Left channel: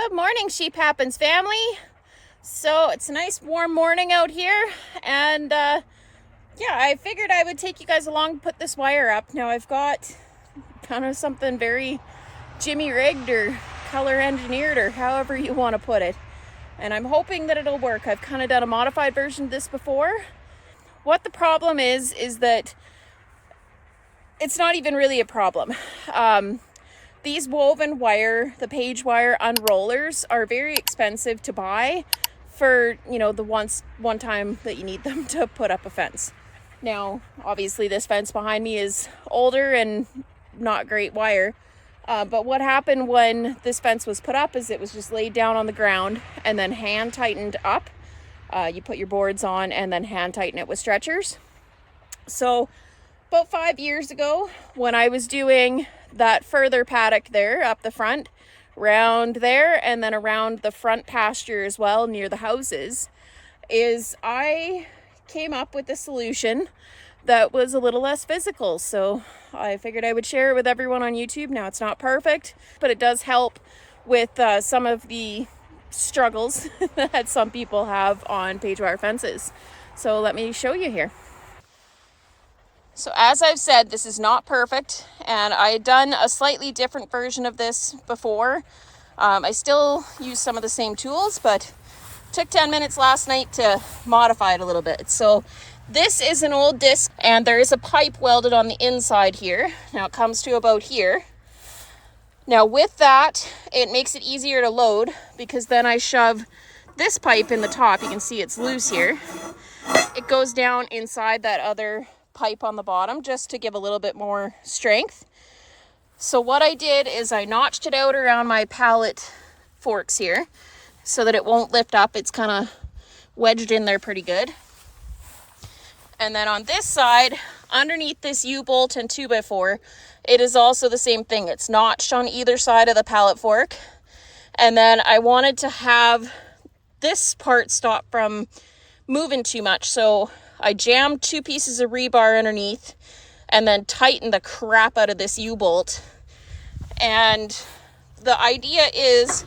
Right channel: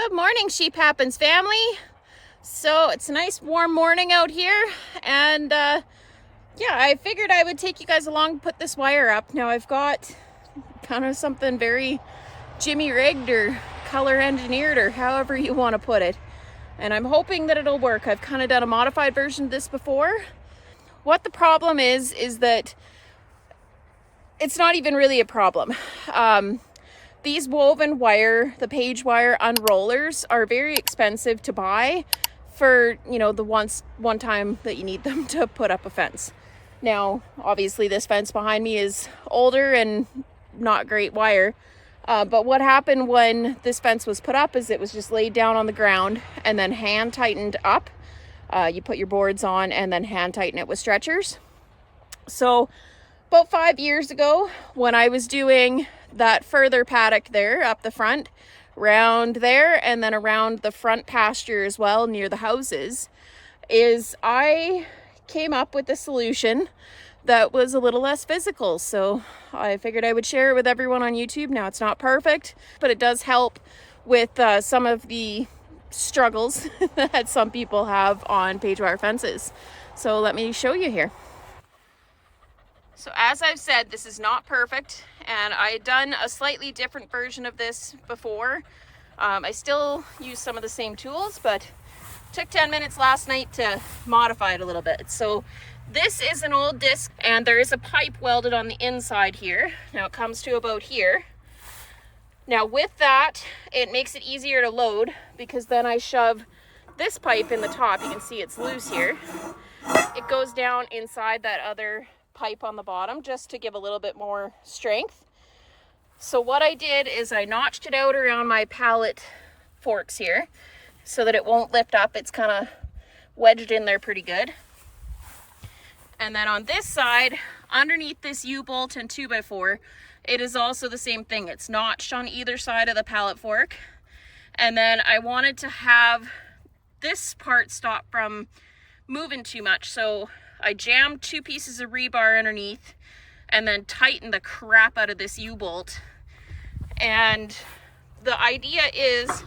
Good morning, Sheep Happens family. So it's a nice warm morning out here, and yeah, I figured I would take you guys along and put this wire up. Now I've got kind of something very jimmy rigged or color engineered or however you want to put it, and I'm hoping that it'll work. I've kind of done a modified version of this before. What the problem is that it's not even really a problem. These woven wire, the Paige wire unrollers, are very expensive to buy for, you know, the one time that you need them to put up a fence. Now, obviously this fence behind me is older and not great wire. But what happened when this fence was put up is it was just laid down on the ground and then hand tightened up. You put your boards on and then hand tighten it with stretchers. So about 5 years ago, when I was doing that further paddock there up the front, round there, and then around the front pasture as well near the houses, is I came up with a solution that was a little less physical. So I figured I would share it with everyone on YouTube. Now it's not perfect, but it does help with some of the struggles that some people have on Paige wire fences. So let me show you here. So as I've said, this is not perfect, and I had done a slightly different version of this before. I still use some of the same tools, but took 10 minutes last night to modify it a little bit. So this is an old disc, and there is a pipe welded on the inside here. Now it comes to about here. Now with that, it makes it easier to load because then I shove this pipe in the top. You can see it's loose here. It goes down inside that other pipe on the bottom just to give a little bit more strength. So what I did is I notched it out around my pallet forks here so that it won't lift up. It's kind of wedged in there pretty good. And then on this side, underneath this U-bolt and 2x4, it is also the same thing. It's notched on either side of the pallet fork. And then I wanted to have this part stop from moving too much. So I jammed 2 pieces of rebar underneath and then tightened the crap out of this U-bolt. And the idea is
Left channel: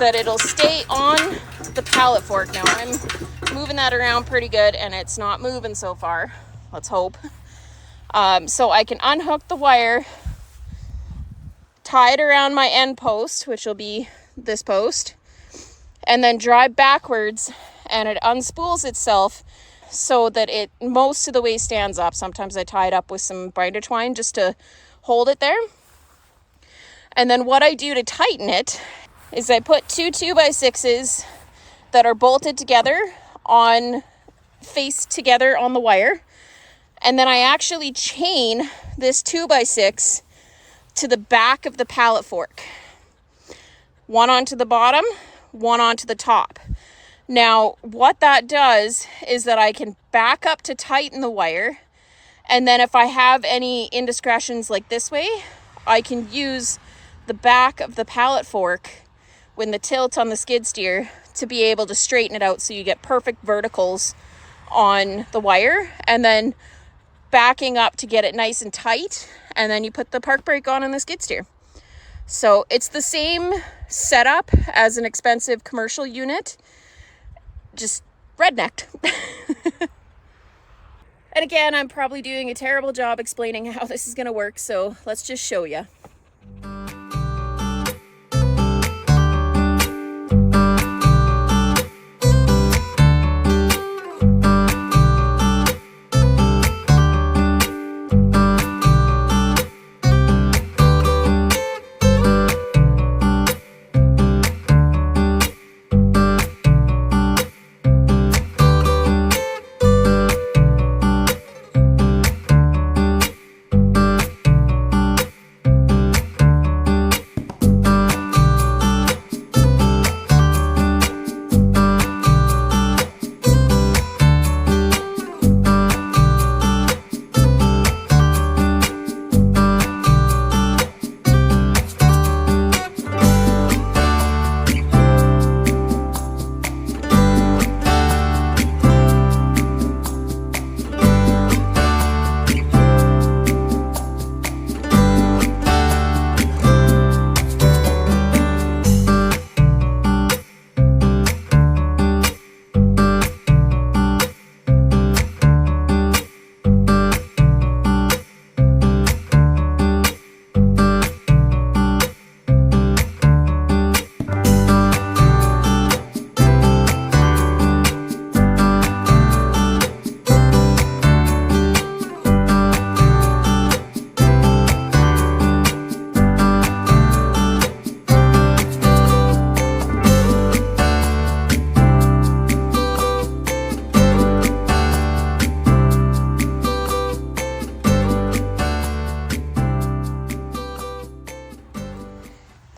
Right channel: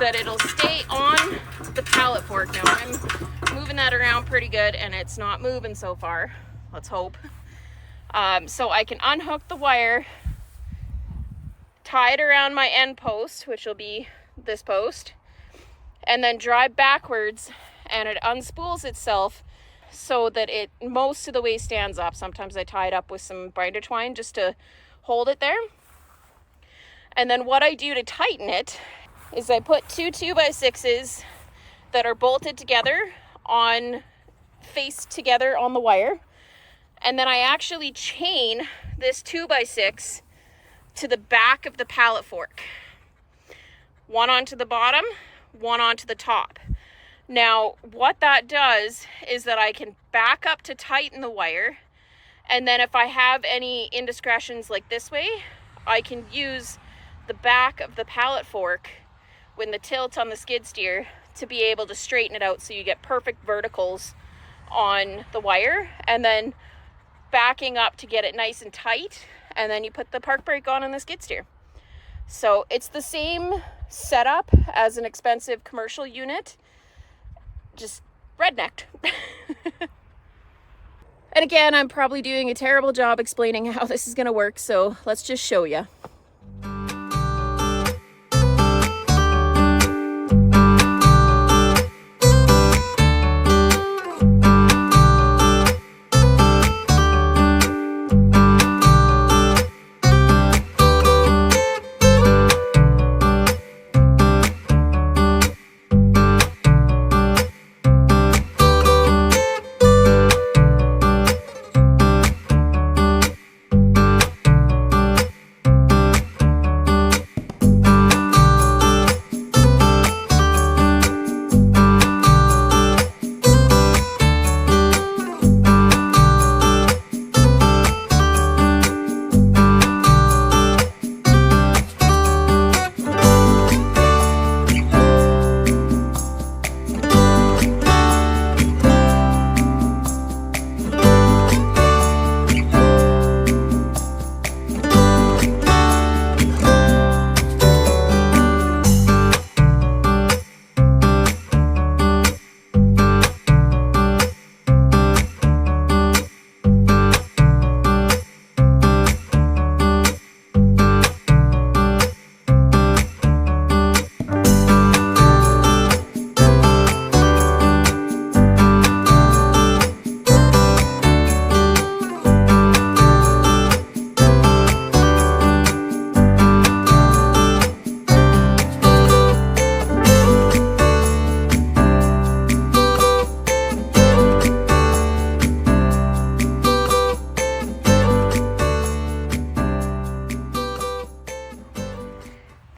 that it'll stay on the pallet fork. Now I'm moving that around pretty good and it's not moving so far. Let's hope. So I can unhook the wire, tie it around my end post, which will be this post, and then drive backwards, and it unspools itself so that it most of the way stands up. Sometimes I tie it up with some binder twine just to hold it there. And then what I do to tighten it is I put 2 2x6s that are bolted together on, faced together on the wire. And then I actually chain this 2x6 to the back of the pallet fork. One onto the bottom, one onto the top. Now, what that does is that I can back up to tighten the wire, and then if I have any indiscretions like this way, I can use the back of the pallet fork when the tilt on the skid steer to be able to straighten it out so you get perfect verticals on the wire, and then backing up to get it nice and tight, and then you put the park brake on the skid steer. So it's the same setup as an expensive commercial unit, just rednecked. And again, I'm probably doing a terrible job explaining how this is going to work, so let's just show you.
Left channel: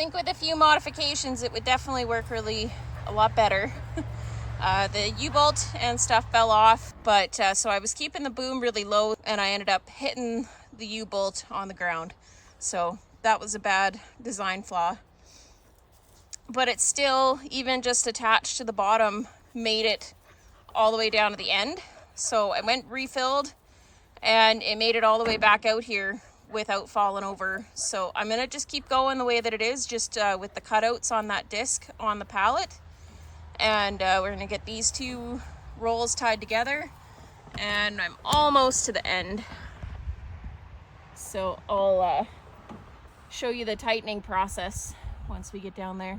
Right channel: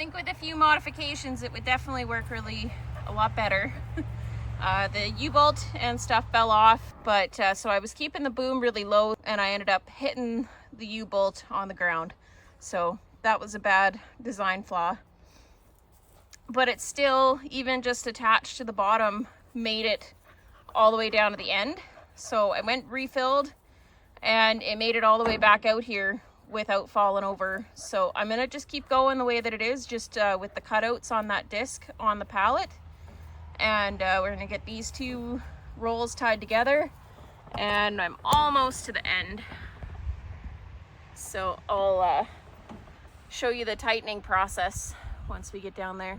think with a few modifications, it would definitely work really a lot better. The U-bolt and stuff fell off, but so I was keeping the boom really low and I ended up hitting the U-bolt on the ground. So that was a bad design flaw. But it's still, even just attached to the bottom, made it all the way down to the end. So I went refilled and it made it all the way back out here without falling over. So I'm gonna just keep going the way that it is, just with the cutouts on that disc on the pallet. And we're gonna get these two rolls tied together and I'm almost to the end. So I'll show you the tightening process once we get down there.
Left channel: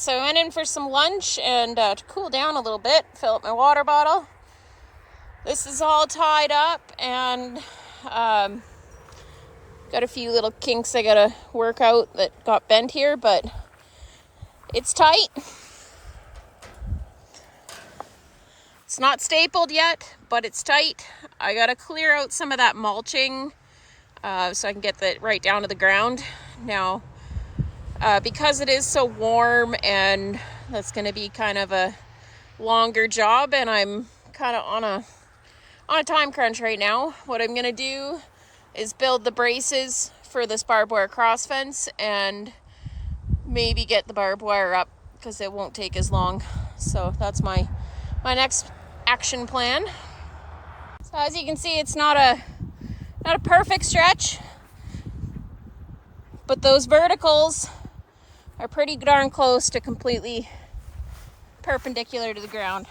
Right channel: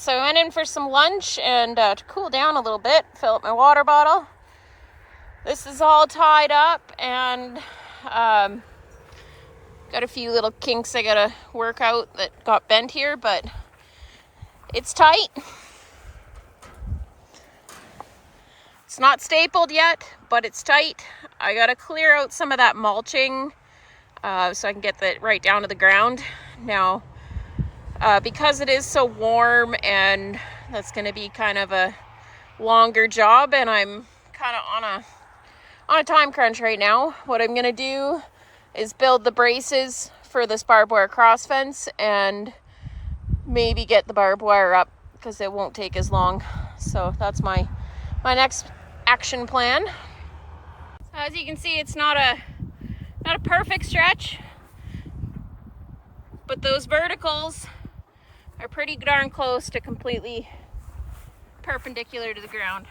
So I went in for some lunch and to cool down a little bit, fill up my water bottle. This is all tied up and got a few little kinks I gotta work out that got bent here, but it's tight. It's not stapled yet, but it's tight. I gotta clear out some of that mulching so I can get that right down to the ground. Now, because it is so warm and that's going to be kind of a longer job and I'm kind of on a time crunch right now, what I'm going to do is build the braces for this barbed wire cross fence and maybe get the barbed wire up because it won't take as long. So that's my next action plan. So as you can see, it's not a perfect stretch, but those verticals are pretty darn close to completely perpendicular to the ground.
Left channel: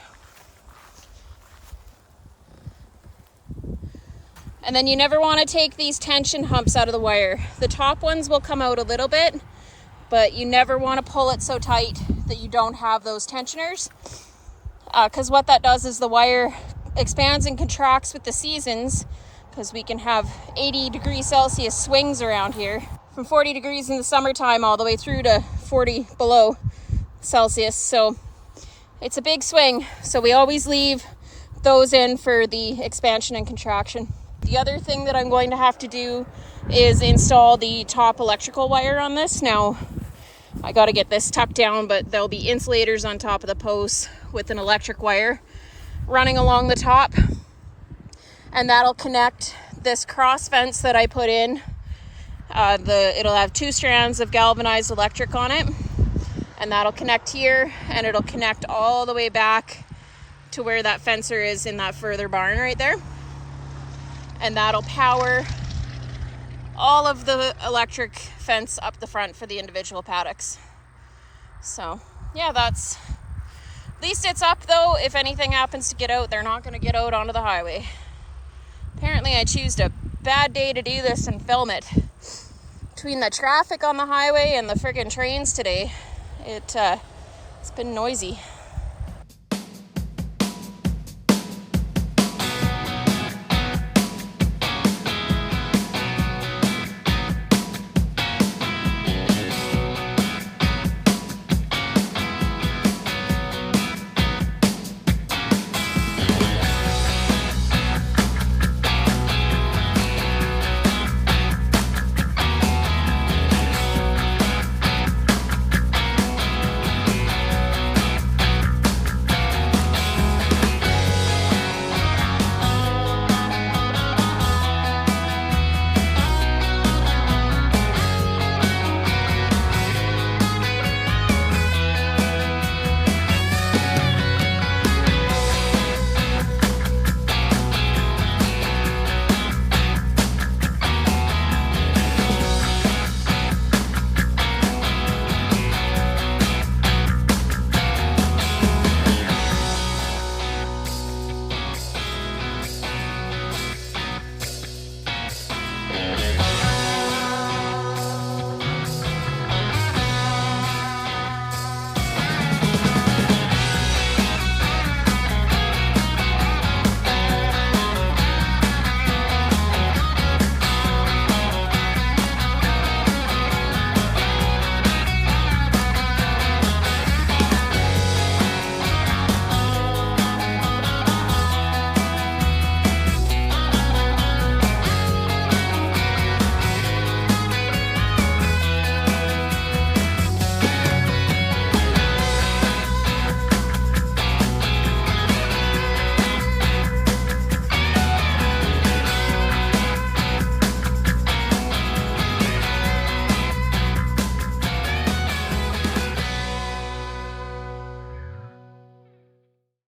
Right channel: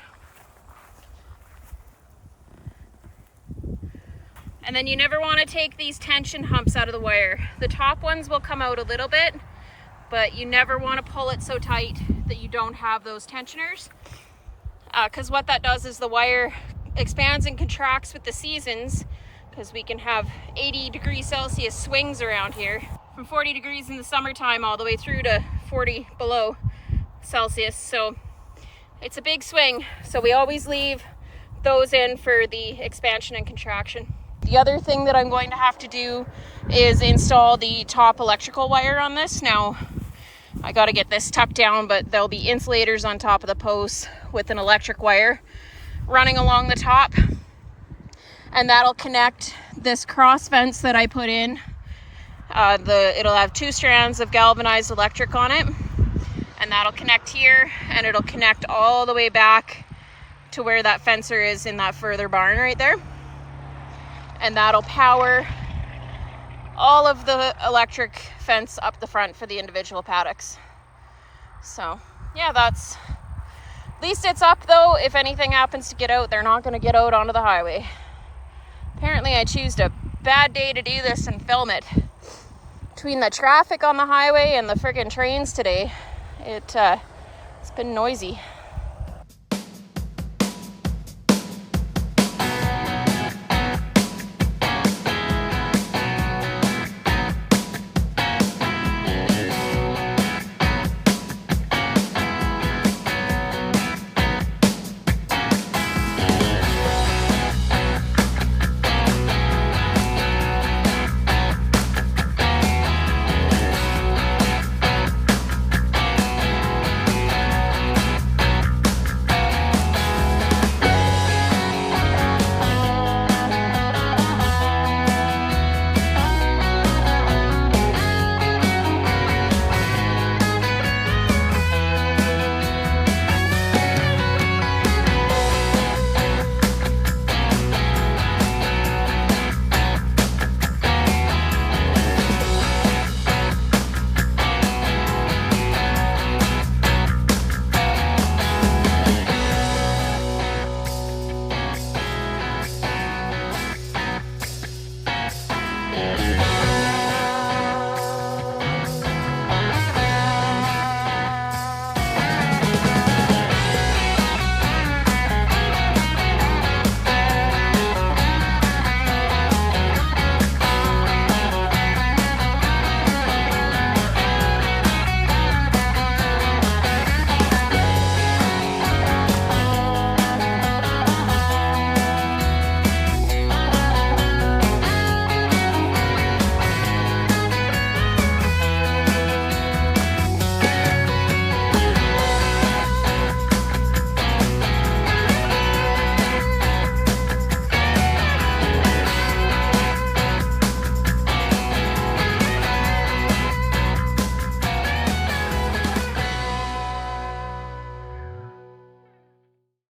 And then you never want to take these tension humps out of the wire. The top ones will come out a little bit, but you never want to pull it so tight that you don't have those tensioners. Because what that does is the wire expands and contracts with the seasons, because we can have 80 degrees Celsius swings around here. From 40 degrees in the summertime all the way through to 40 below Celsius. So it's a big swing. So we always leave those in for the expansion and contraction. The other thing that I'm going to have to do is install the top electrical wire on this. Now, I got to get this tucked down, but there'll be insulators on top of the posts with an electric wire running along the top. And that'll connect this cross fence that I put in. It'll have 2 strands of galvanized electric on it, and that'll connect here, and it'll connect all the way back to where that fencer is in that further barn right there. And that'll power all of the electric fence up the front for the individual paddocks. So yeah, at least it's up though. If anything happens to get out, they're not going to get out onto the highway. Apparently I chose a bad day to do this and film it. Between the traffic on the highway and the friggin' trains today, it's been noisy.